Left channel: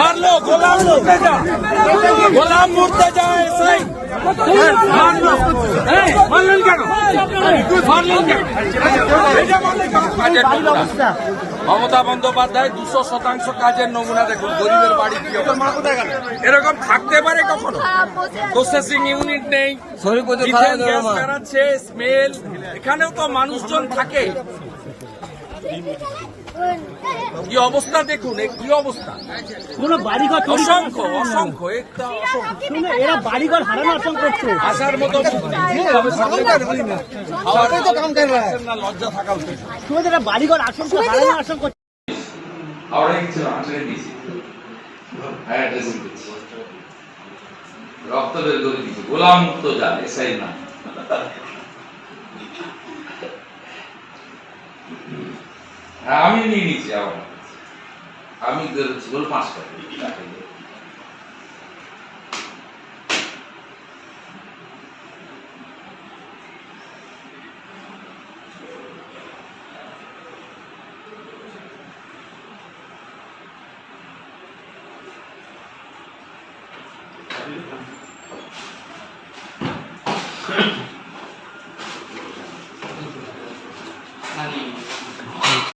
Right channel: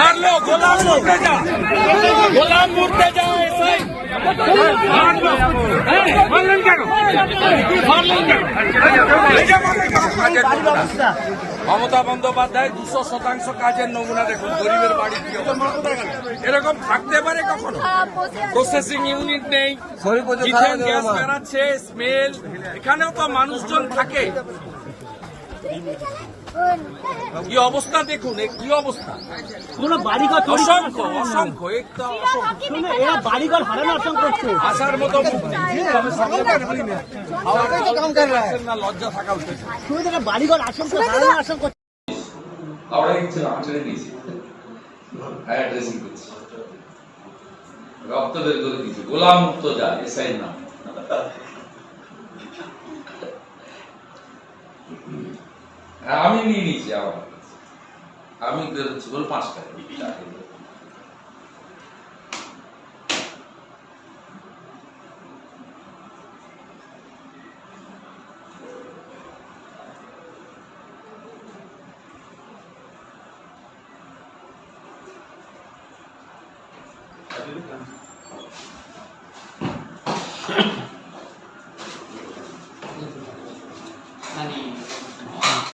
মারলো গোলাম মুর্তেজা, গোলাম মুর্তেজা এসআই মারলেন কেন? মারলেন কেন? মমতা বন্দ্যোপাধ্যায় 200% কাজের নমুনা দেখুন। গরিবের বাড়ি এরকম থাকতে পারে কখনো? প্রসেসিং ইউনিট নেই, গ্যাস বেড়াচ্ছে, স্মেল। এখানেও তো মানুষজন থাকে। কি অবস্থা দেখুন, কি অবস্থা! কোন বাড়িঘর অসংখ্য অসংখ্য এরা বাড়িঘর হারানো অসংখ্য করছে। আসার মতো না, লজ্জা থাকা উচিত। শুধু এরা বাড়িঘর আশঙ্কা হারানো আশঙ্কা করছে। রক্ত বের করে দিচ্ছে। গোলাম মুর্তজা এসআই না, আমি নিয়ে নিচ্ছি। আবার আমি বেরোচ্ছি বল 5 টাকা।